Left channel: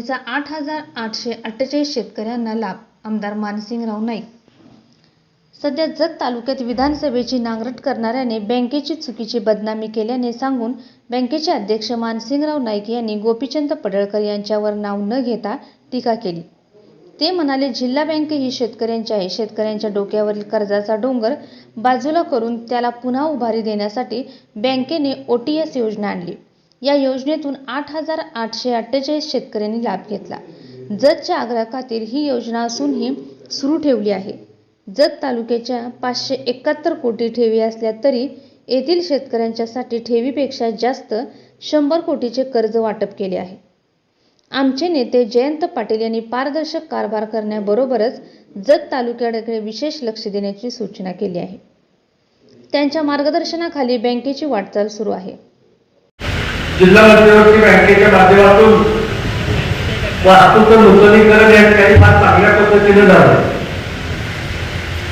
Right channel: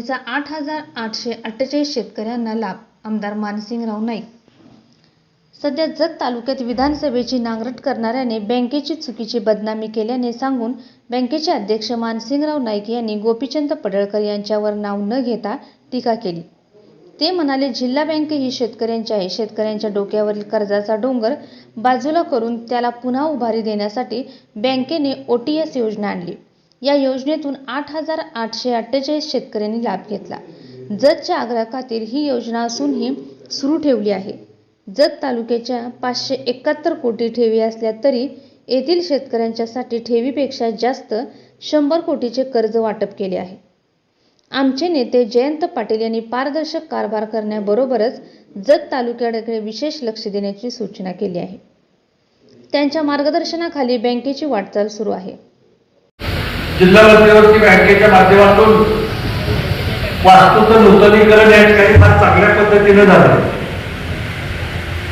योजनेचा आठ हजार आठशे अठ्ठेचाळीस शेतकऱ्यांना लाभ आमदार मानसिंगराव नाईक. सध्या जत तालुक्यात विधानसभेची नांगरट करणाऱ्याने बँकेची चुकीची बदनामी केल्याने सांगून बँकेचे अध्यक्ष मानसिंगराव नाईक यांनी गोपीचंद पडळकर यांच्यावर नाव न घेता टीका केली. ते म्हणाले जिल्हा बँक ही शेतकऱ्यांची आहे. शेतकऱ्यांच्या डोक्यावरील कर्जाचा डोंगर बाजूला करून त्याला पुन्हा उभारी देण्यासाठी बँकेने ओ टी एस योजना आणली. या योजनेतून आठ हजार आठशे अठ्ठेचाळीस शेतकऱ्यांनी लाभ घेतला. जतच्या आग्राखातील ही योजना असूनही सुरू ठेवली आहे. जत तालुक्याच्या पाचशे एकाहत्तर कोटी ठेवी असल्या तरी येथील शेतकऱ्यांच्यासाठी ठेवीपेक्षा जास्त शंभर कोटीचे कर्ज वाटप केले आहे. आमचे नेते जयंत पाटील यांनी पारदर्शक कारभार करण्याबरोबरच जत तालुक्याकडे विशेष लक्ष देण्याची सूचना केली आहे. त्यांच्या मार्गदर्शनाखाली बँकेची वाटचाल सुरू आहे. जिल्हा मध्यवर्ती बँकेच्या माध्यमातून वास्तूचं नूतनीकरण या ठिकाणी फार चांगल्या पद्धतीने झालं.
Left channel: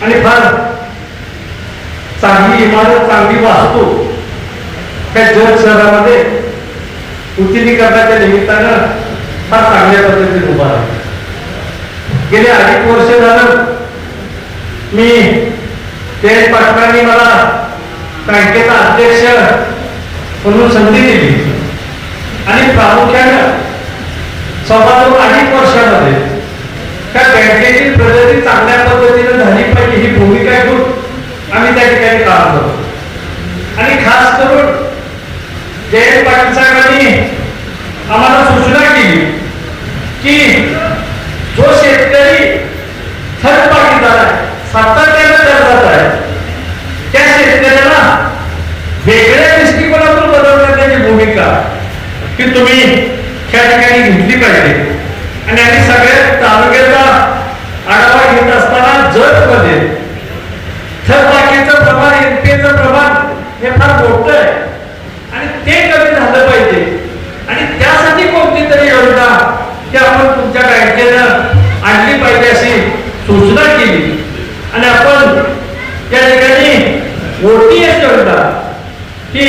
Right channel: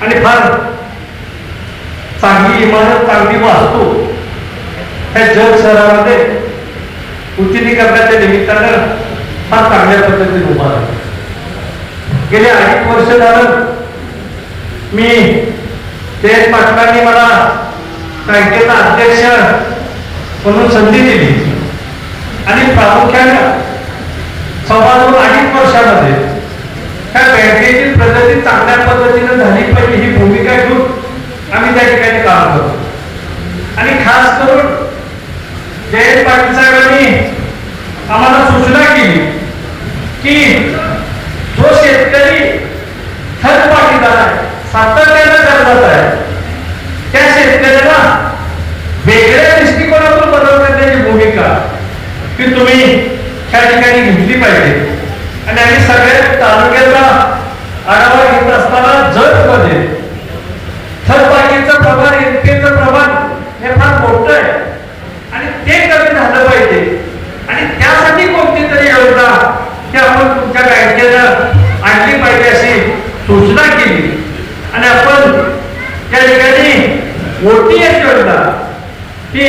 आणि फार चांगली इमारत चांगली वास्तू ह्या जग शहरामध्ये नूतनीकरणाच्या निमित्तानं फार चांगल्या पद्धतीने उभा गेले अनेक वर्ष झालं मी जयंत पाटलांनी मला बँकेचा अध्यक्ष म्हणून संधी दिली. आणि प्रामुख्यानं सव्वा दोन अधिक वर्षामध्ये त्या बँकेची प्रगती चांगली पद्धतीने झाली पाहिजे ही भूमिका घेऊन आम्ही त्या ठिकाणी काम करतो आणि खास करून जयंत पाटील साहेबांनी आम्हाला सूचना केली की जो शेतकरी थर्ड पाटीदार आहे सातत्यानं कर्जात आहे त्या शेतकऱ्याला वेगळ्या दृष्टिकोनातून बनवण्याची भूमिका ती तुम्ही त्या ठिकाणी घेतली पाहिजे आणि आम्ही सगळ्या तालुक्याचा आढावा घेत असताना जत मध्ये थरपाकीचं प्रमाण एनपीचं प्रमाण हे फार मोठं आहे आणि ते कमी झालं पाहिजे आणि त्यासाठी कोणती तरी योजना की आपण तुमच्या बँकेनं आणली पाहिजे अशी सूचना केली. आणि आपण त्या ठिकाणी ओटीएस योजना की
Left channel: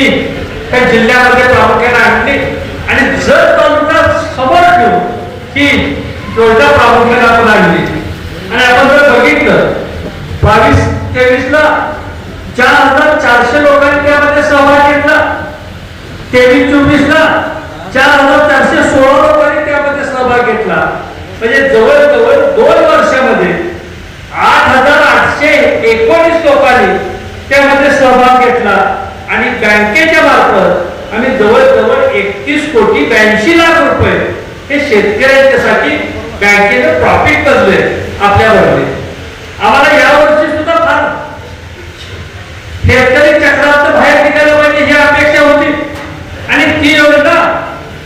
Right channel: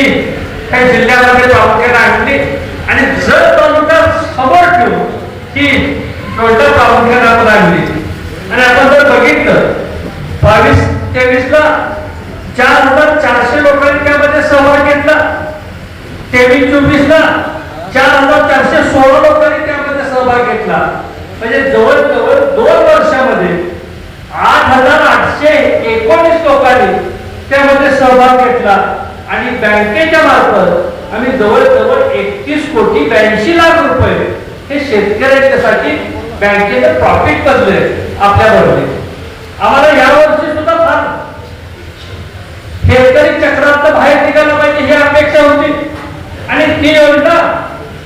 त्या जिल्ह्यामध्ये प्रामुख्याने आणली आणि जर तालुका समोर ठेवून ही योजना प्रामुख्याने आपण आणली आणि आपण जर बघितलं बावीस तेवीस ला चार हजार चारशे लोकांनी त्यामध्ये सहभाग घेतला तेवीस चोवीस ला चार हजार चारशे सोळा लोकांनी त्यामध्ये सहभाग घेतला म्हणजे जवळजवळ दोन वर्षामध्ये आठ हजार आठशे एकोणीस लोकांनी त्यामध्ये सहभाग घेतला आणि बँकेच्या मार्फत आम्ही जवळजवळ एकतीस कोटी ब्याऐंशी लाख रुपये हे शेतकऱ्यांच्यासाठी बँकेनं प्रॉफिट करले आपल्याबरोबर आम्हाला यावर्षी सुद्धा फार शेतकरी चक्रात बाहेर निघायला पाहिजे ही अपेक्षा होती. आणि ती योजना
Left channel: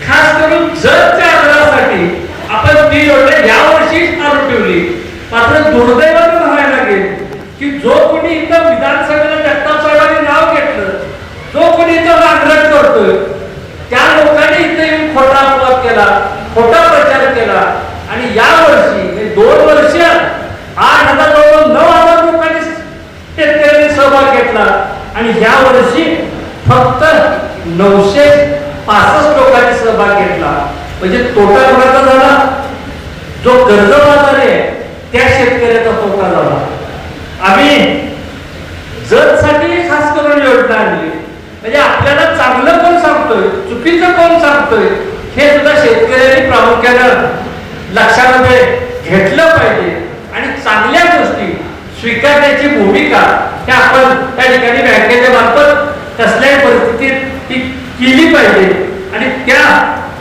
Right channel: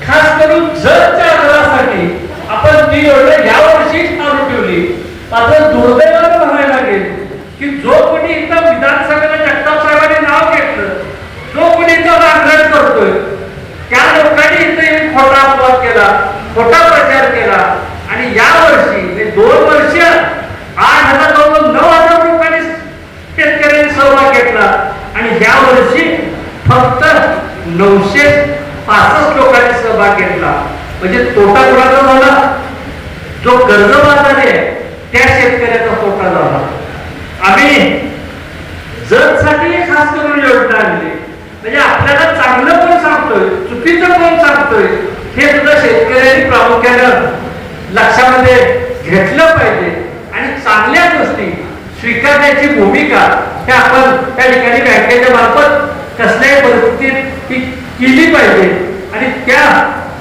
खास करून जर आग्रहासाठी आपण ती योजना यावर्षी चालू ठेवली मात्र दुर्दैवानं म्हणायला लागेल की जो कोणी इथं विधानसभेला जगताप साहेबांनी नाव घेतलं जो कोणी इथं नांगरट करतोय त्या लोकांनी इथे येऊन खोटा अपवाद केला खोटा प्रचार केला आणि या वर्षी म्हणजे दोन वर्ष आठ हजार नऊ हजार लोकांनी शेतकऱ्यांनी सहभाग घेतला. आणि या वर्षी फक्त नऊशे पासष्ट लोकांनी सहभाग घेतला. म्हणजे तोटा कोणाचा झाला? जो कर्जबाजारी आहे त्या शेतकऱ्याचा तोटा झाला. आम्ही जतसाठी खास करून योजना आणली. म्हणजे आपल्याला चांगलं कोण सांगतोय चुकीचं कोण सांगतोय हे सुद्धा शेतकऱ्यांनी प्रामुख्यानं लक्षामध्ये घेतलं पाहिजे आणि चांगल्या गोष्टी स्वीकारण्याची भूमिका हे आपण त्या ठिकाणी बँकेच्या मार्फत कसल्याही परिस्थितीत ती केली पाहिजे. आणि त्या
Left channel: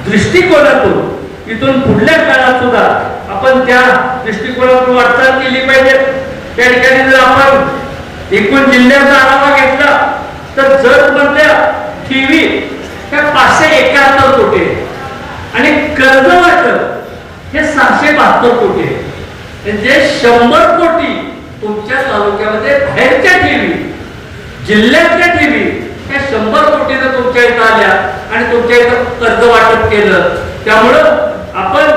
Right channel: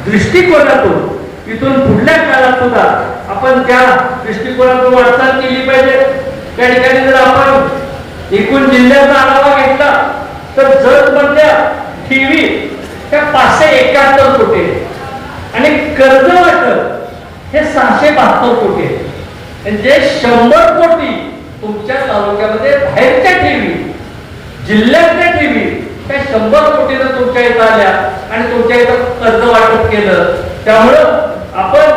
दृष्टिकोनातून इथून पुढल्या काळात सुद्धा आपण त्या दृष्टिकोनातून वाटचाल केली पाहिजे. त्या ठिकाणी जर आपण एकूण जिल्ह्याचा आढावा घेतला तर जर मधल्या ठेवी त्या पाचशे एकाहत्तर कोटी. आणि कर्ज वाटप सातशे बहात्तर कोटी आहे. म्हणजे शंभर कोटी तुमच्या तालुक्यामध्ये बाहेरच्या ठेवी जिल्ह्यातल्या ठेवी त्या शंभर कोटीनं तुमच्या इथं आल्या आणि तुमच्या इथं कर्ज वाटप केलं त्यामुळं आपण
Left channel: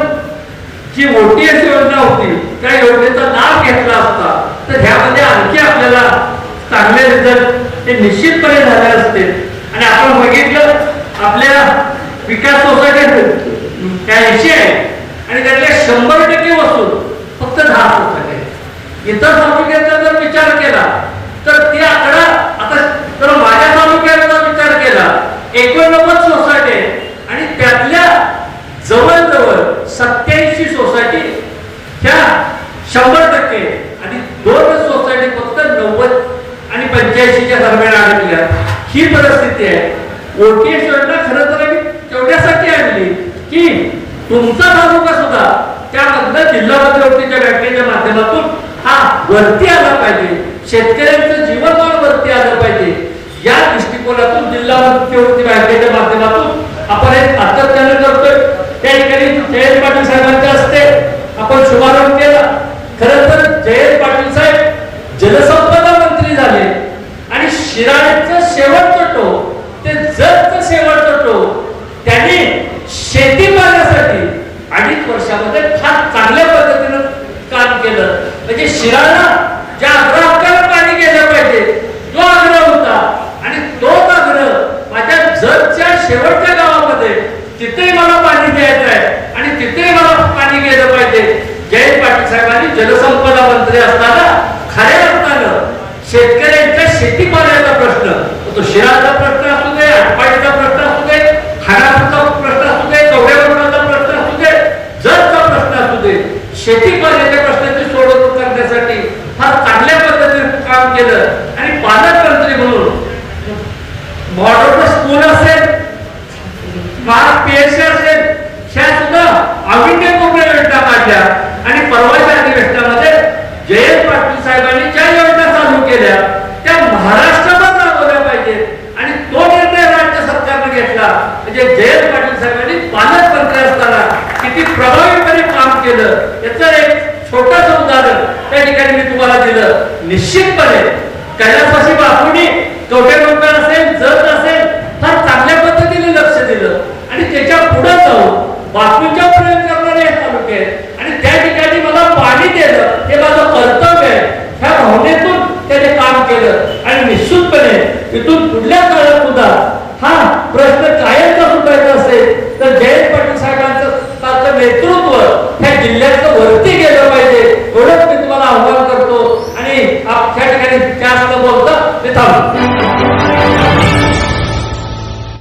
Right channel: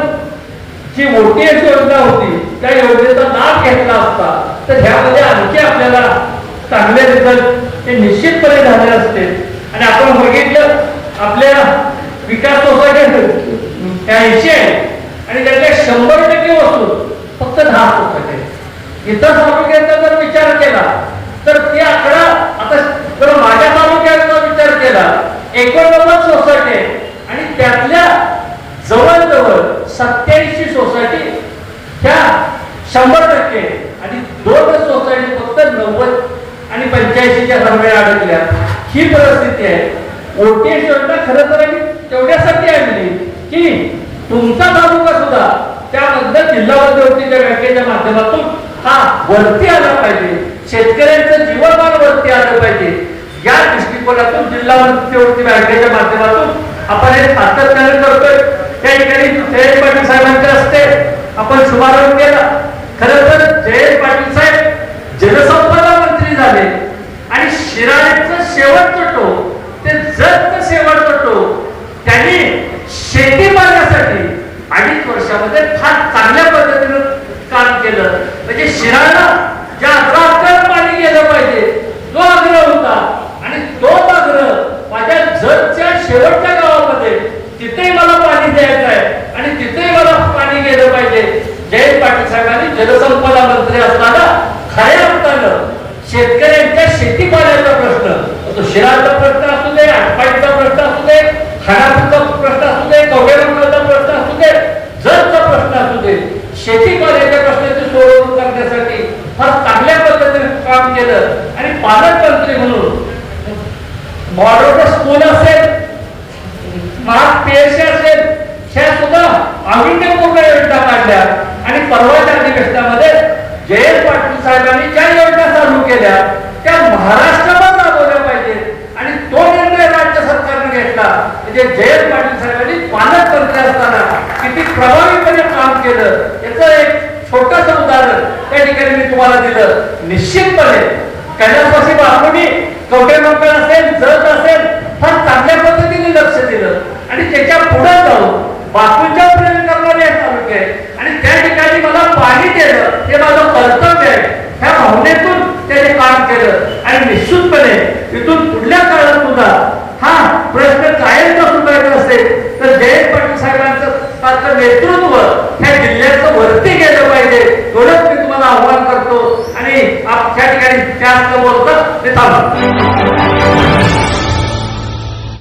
जी ओटीएस योजना होती त्या योजनेचा लाभ घेतला असता तर ह्यामध्ये आणखी आपल्याला चांगले रिझल्ट हे निश्चितपणे झाले असते आणि आपण बघितलं आपल्या विकास सोसायटी ऐंशी आहे आणि त्यातले शंभर टक्के वस्तू फक्त दहा सोसायटी इतर तालुक्याचा जर विचार केला तर ते आकडा आता जर माझ्या तालुक्याचा विचार केला एकोणनव्वद सोसायटी आणि त्यातल्या जवळजवळ सत्याऐंशी सोसायटी ह्या शंभर टक्के आणि दोन सोसायटी फक्त नव्वद आणि पंच्याऐंशीच्या दरम्यान अडकल्या ही परिस्थिती आहे. ओटीएस योजना खरं तर आम्ही तेवढ्यासाठी आणली की तुमचा तालुका सुद्धा त्यानंतर जिल्हा मध्यवर्तीच्या बँकेच्या माध्यमातून हा वरती आला पाहिजे. शेतकऱ्यांचं जीवनमान वरती आलं पाहिजे. या दृष्टिकोनातून जिल्हा मध्यवर्ती बँकेच्या माध्यमातून आपण हे सातत्याने करतोय. त्या ठिकाणी जयंत पाटील साहेबांच्या असते. आपण शुभारंभ केला. खरं तर जयंत पाटील साहेब जलसंपदा मंत्री झाले आणि शिराळेचं शेवटचं टोक ते जगचं शेवटचं टोक त्यांनी शेती मारण्यासाठी म्हणजे फार चांगल्या पद्धतीनं काम केलं. म्हणजे शिराळा ज्या अग्रहात पाणी गेलं पाहिजे तो आग्रह होता. आणि तोच आग्रह माझ्या जगच्या शेवटच्या गावामध्ये तिथेही मला पाणी द्यायचं आहे. आणि तिथेही मला पाणी गेलं पाहिजे. जयंत पाटील साहेबांनी जलसंपदा मंत्री असताना खऱ्या अर्थानं शेतकऱ्यांच्या शेती पाण्याचा प्रश्न तो शिराचा प्रश्न असू दे आटपाडीचा प्रश्न असू दे खाण्याचा प्रश्न असू दे कवड्यावरचा प्रश्न असू दे जरचा प्रश्न असू दे शेती पाण्याच्या प्रश्नाची सोडवणूक करण्यासाठी फार चांगल्या पद्धतीने काम केलं आणि पालकमंत्री म्हणून मॉडर्न स्कूल असेल स्मार्ट पीएससी असेल ह्या सुद्धा अविन्यपूर्ण योजना काढल्या आणि परवाच्या अधिवेशनामध्ये जयंत पाटील साहेबांनी ज्या योजना चालू केल्या त्या महाराष्ट्रात राबवल्या पाहिजेत आणि तो निर्णय राज्य सरकारने घेतला म्हणजे जयंत पाटील साहेबांनी पालकमंत्री असताना किती प्रभावीपणे काम केलं याचं एक छोटस उदाहरण त्या ठिकाणी मी तुम्हाला दिलं निश्चितपणे कैलासवासी बापूंनी कवटे लोकांना असेल जत असेल फार चांगल्या पद्धतीने लक्ष दिलं आणि त्याच्या पुढे जाऊन बापूंच्या प्रेम करणारे तालुके. आणि त्या ठिकाणी मला पाणी दिलं